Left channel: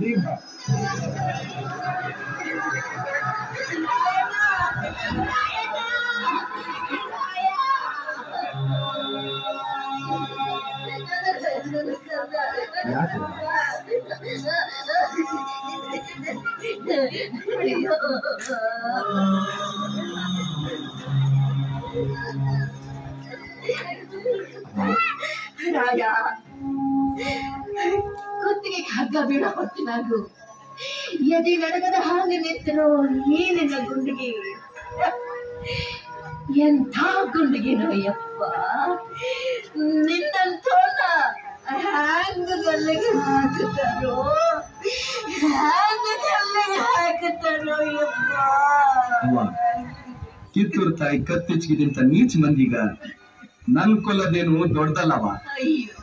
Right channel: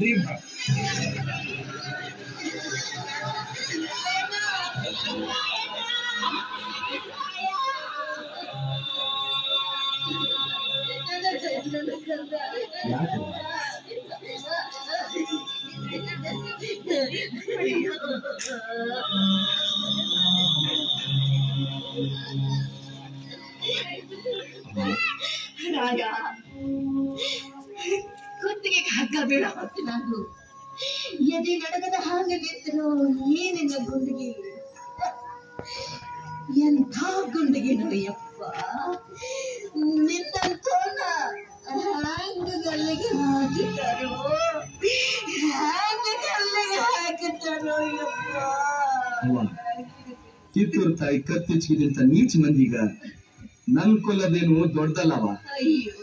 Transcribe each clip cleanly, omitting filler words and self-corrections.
ಭೀಮ ರಾಯ ಕುತ್ತಿಗೆ ಹಗ್ಗ ಬೀಳ ಹೊತ್ತಿನಾಗು ಎದೆ ನಡಗದ ಹಾಗೆ ನಿಂತನು ಏನಿಲ್ಲ ಗುಂಡಿಗೆ ಎಂಥ ಗುಂಡಿಗೆನೋ ಯಪ್ಪ ನಿನ್ನಂತೋನ ಹ್ಯಾಂಗ ಗಲ್ಲಿಗೆ ಹಾಕುತ್ತಾರೋ ಹ್ಯಾಂಗ ಗಲ್ಲಿಗೆ ಹಾಕುತ್ತಾರೋ ಯಪ್ಪ ಕಿತ್ತೂರು ತಾಯಿ ಕತ್ತಿಚ್ಚಿಗಿಂತ ನೀಚ ಮಂದಿಗ ನನ್ ಕೊಲ್ಲದೇನು ದೊಡ್ಡದಲ್ಲವ. ಅಯ್ಯೋ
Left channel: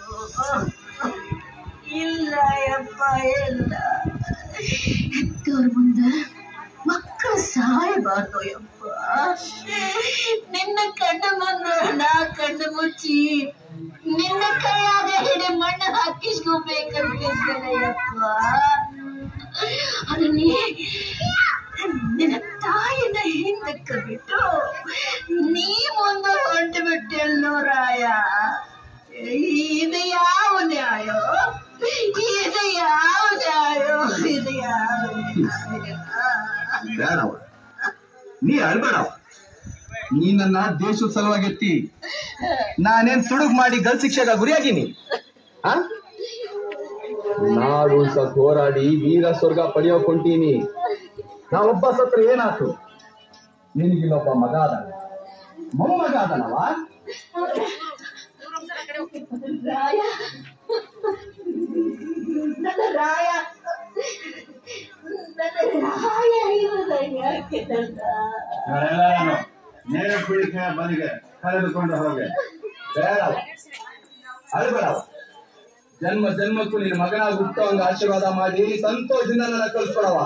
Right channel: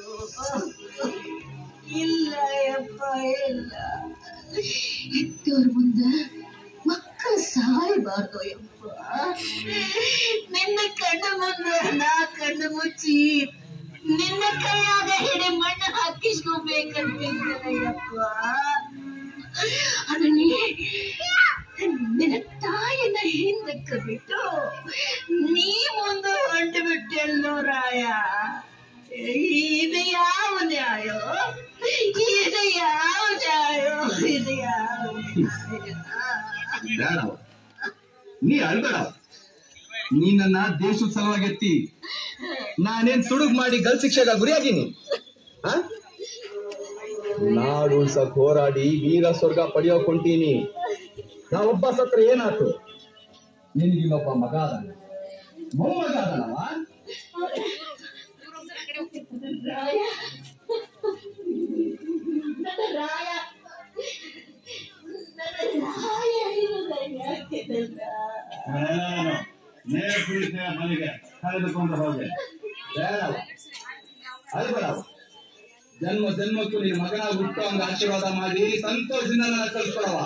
ಇಲ್ಲ ಯಪ್ಪ ಇಲ್ಲ ಹೆತ್ತೋರ್ ಮುಂದ ಮಕ್ಕ ಸಾಯಬಾರ್ದು ಯಪ್ಪ. ನಿನ್ನ ಕಣ್ಣ ಮುಂದ ನಾ ಕಣ್ಣು ಮುಚ್ಚಿ ನಿನ್ನ ಕೈಯಾಗ ಹಿಡಿ ಮಣ್ಣು ಹಾಕಿಸ್ಕೋಬೇಕಂತಿದ್ದೇನೆ ಯಪ್ಪ. ಅದು ನಿನ್ನ ತಾಯಿನ ಹಿಂದಕ್ಕೆ ಬಿಟ್ಟು ನೀ ಮುಂದೆ ಹೊಂಟು ಬಿಟ್ಟೆಲ್ಲೋ ರಾಯ. ಇದು ಯಾವ ನ್ಯಾಯ? ಇದು ಯಾವ ನ್ಯಾಯ? ಇದು ಯಾವ ಬೇಡವ, ನೀ ಅಳ್ಬೇಡವ. ನೀ ನನ್ನ ದೇಶದ ಸಲುವಾಗಿ ಎತ್ತಿ ನಾನೇನ್ ಸುಡುಗ್ ಮಾಡಿ ಗಲ್ ಶಿಕ್ಷೆಗ ಗುರಿಯಾಗಿನಿ. ನಾಡು ಉಳ್ಸಕ್ ಹೋರಾಡಿ ವೀರ ಸ್ವರ್ಗ ಪಡೆಯೋಕ್ ಹೊಂಟೀನಿ. ನಾ ಒಬ್ಬ ಸತ್ರ ಏನಾಯ್ತು? ನಿನಗಿಲ್ಲೊಬ್ಬ ಮಗ ಅದನ, ಮೊಮ್ಮಗ ಅದನವ. ರಾಯ ನನ್ನ ರಾಯ ನೇರ ಕುಳಿಕೆ ಮನೆಗೆ ಕರೆದುಕೊಂಡು ಹೋಗಿ. ಬೇಡವ, ಅಳ್ಬೇಡವ. ಜನ್ಮ ಜನ್ಮಕ್ಕೂ ನಿನ್ನ ಮಗನ ಹುಟ್ಟು ಹಂಗ ಆಶೀರ್ವಾದ ಮಾಡಿ ಸಂತೋಷದಿಂದ ನನ್ನ ಕಳ್ಸ್ಕೊಡವ.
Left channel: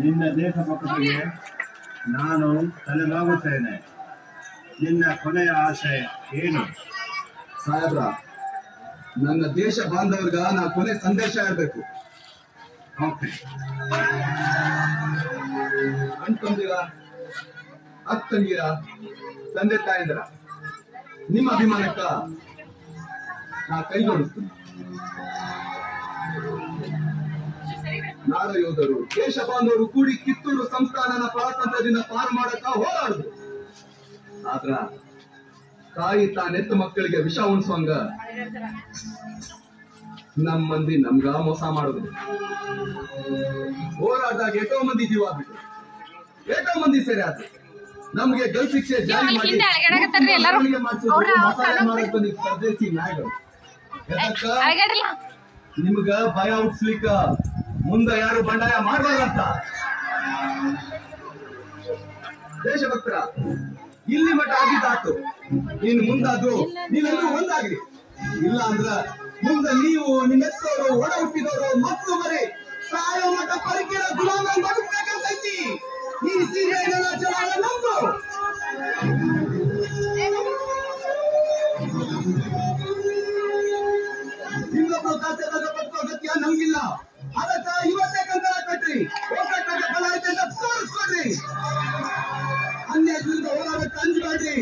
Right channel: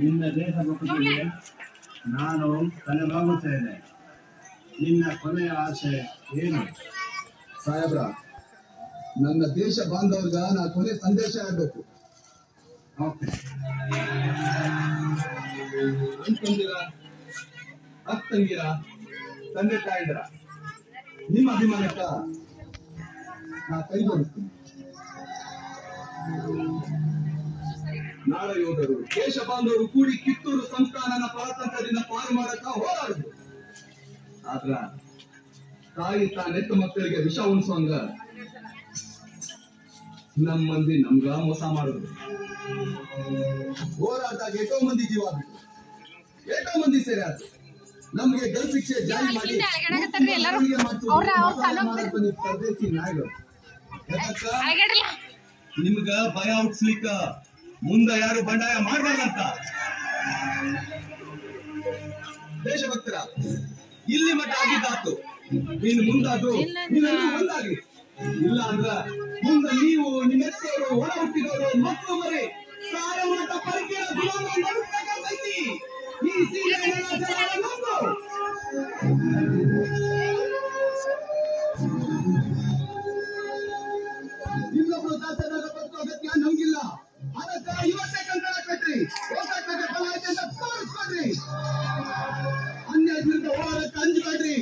ನಿನ್ನ ದೇಶಭಕ್ತಿಗೆ ನಾನು ತಲೆಬಾಗುತ್ತೇನೆ. ನಿನ್ನ ಕೊನೆಯ ಆಸೆ ಏನು? ಸಾಹೇಬ್ರ, ನನ್ನ ದೇಶ ಬಾಂಧವರ್ಗ ನಾ ಕೊನೆ ಸಂದೇಶ ಹೇಳ್ಬೇಕು. ಓಕೆ. ಅಣ್ತಂದಿರ, ಅಕ್ಕಂದಿರ, ತಂದೆ ತಾಯಂದಿರ, ನಿಮ್ಮ ಅಭಿಮಾನಕ್ಕ ನಾ ಕೈಗೊಳಿಸ್ತೀನಿ. ನಾಡ ಯೋಧರು, ದೇಶ ಬಾಂಧವರು ಕೂಡಿ ಕಿತ್ತೂರು ಸಂಸ್ಥಾನನ ಸ್ವಾತಂತ್ರ್ಯದಿಂದ ಪಾರು ಮಾಡಕ ಹೋರಾಡುದು. ಆದ್ರ ತಾಯಿ ತಾನೆತ್ತ ಮಕ್ಕಳಿಗೆ ವಿಷ ಉಣಿಸುವಂಗ ನಮ್ ಮಂದಿ ನಮ್ಗ ಮೋಸ ಮಾಡುದು. ಹೋರಾಟದಾಗ ಎಷ್ಟೋ ಮಂದಿ ಜೀವ ಬಿಟ್ಟು, ಎಷ್ಟೋ ಮಂದಿ ಸೇರಿ ಆದ್ರು. ನಮ್ಗೆ ಗಲ್ ಶಿಕ್ಷೆ ಜಾರಿ ಮಾಡಿ ಮಾಡಕ್ ಬಂದಿದ್ದ ಪರದೇಶಿ ನಾಯಿಗಳು. ನಿಮ್ಗ ಭಯ ಹುಟ್ಸ್ಲಿಕ್ಕ ಮುಂದೆ ಯಾರು ಬಂಡಾಯ ಮಾಡಬಾರ್ದಂತ. ದೇಶಭಕ್ತರ, ಇಲ್ಲಿ ಮಠ ಆಗಿದ್ದಾತು. ಇನ್ ಮುಂದಾದ್ರು ನೀವೆಲ್ಲರೂ ಒಂದಾಗ್ರಿ. ಇಲ್ಲ ಅಂದ್ರ ಮುಂದೆ ನೀವು ನಿಮ್ಮೆತ್ತವರು, ಒಡ ಹುಟ್ಟಿದವರು, ಮಕ್ಕಳು ಮರಿ ಸಾಯೋ ಮಠ ಪರಿಕೆಯ ಗುಲಾಮ ಬದುಕಬೇಕಂತೈತಿ. ಈ ಸೀರೆ ಜನ ನಮ್ದು. ಇನ್ನೊಬ್ಬ ಕಾಸೆದಾಗ ಬದುಕೋ ಅಗತ್ಯ ನಮ್ಗಿಲ್ಲ. ಅದಕ್ಕ ಇವತ್ತೇ ಕಂಕಣ ಕಟ್ರಿ. ಒಗ್ಗಟ್ಟಾಗ ಫಲ ಐತೆ ಅಂತ ತೋರಿಸ್ಕೊಡ್ರಿ. ಅನ್ಯಾಯ ವಿರುದ್ಧ ಹೋರಾಟಕ್ಕೆ ಅಂಜಬೇಡ್ರಿ.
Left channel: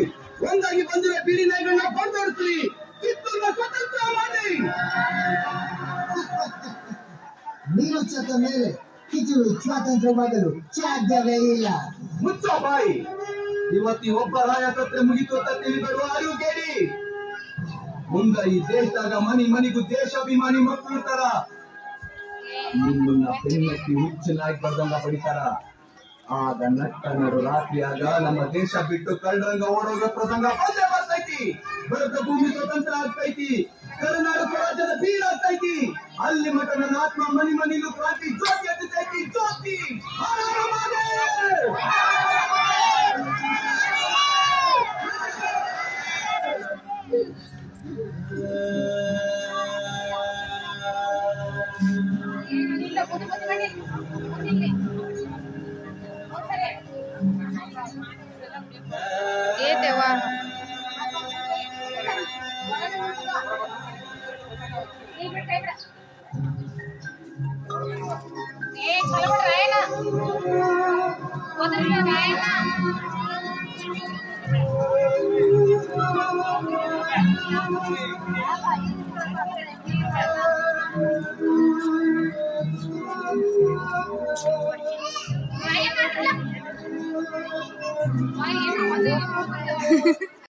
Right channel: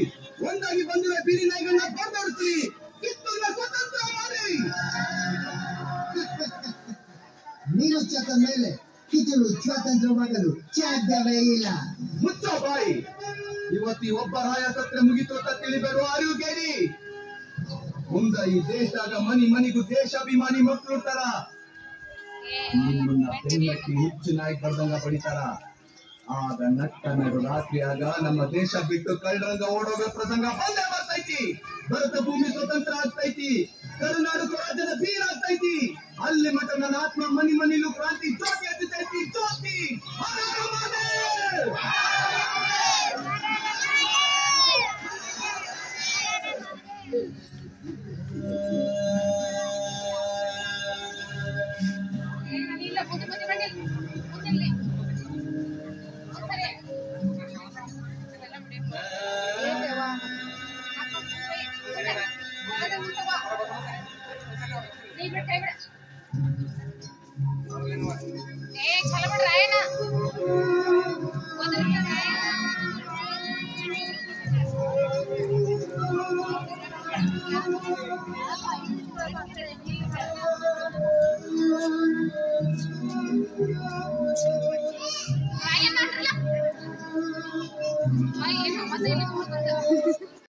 ಒಂದಾಗಿ ಬಂದಿವೆ ಬಿಡಿ ನಾಯಿಗಳನ್ನ ಬಂದೋಡಿಸ್ರಿ. ಕಿತ್ತೂರನ್ನ ಸ್ವತಂತ್ರ ಮಾಡ್ರಿ. ನೀರು ಚಕ್ಕ ಮೇಲೆ ಕಿತ್ತೂರು ಸ್ವಾತಂತ್ರ್ಯವಾಗಲು ಸಾಧ್ಯವೇ ಇಲ್ಲ. ಮುಚ್ಚೋ ಬಾಯಿ. ಇವತ್ತಿ ಒಬ್ಬ ರಾಯ ಸತ್ರೆ ಮುಗಿತು ಅಂತ ತಿಳಿಬೇಡ. ಅರಿವು ಕೇಳಿ. ಮುಂದ ಈ ದೇಶದಾಗ ಮನಿ ಮನಿಗೂ ದೇಶಾಭಿಮಾನಿ ಮಕ್ಕಳು ಇರ್ತಾರ. ನಿಮ್ಮನ್ನ ಬೆನ್ನಟ್ಟಿ ಹುಚ್ಚು ನಾಯಿ ಬರ್ದಂಗ ಪಡಿತಾರ. ಆಗ ನಟ್ಟ ನಡು ರಾತ್ರಿಯಾಗ ನಮ್ಮ ದೇಶ ಬಿಟ್ಟು ಕಳ್ಳರಂಗ ಓಡೋಗ ಪ್ರಸಂಗ ಬಂದೇ ಬರ್ತೈತಿ. ಭರತ ಭೂಮಿ ಸ್ವತಂತ್ರ ಆಗ್ತೈತಿ. ಕರುನಾಡು ಸ್ವರಾಜ್ಯದ ಬೀರ ಆಗ್ತೈತಿ. ಅಲ್ಲಿ ಮಠ ನನ್ನ ಆತ್ಮ ಮನಿ ಮನಿಲು ಕ್ರಾಂತಿ ಜ್ಯೋತಿ ಹತ್ತೈತಿ. ಜ್ಯೋತಿ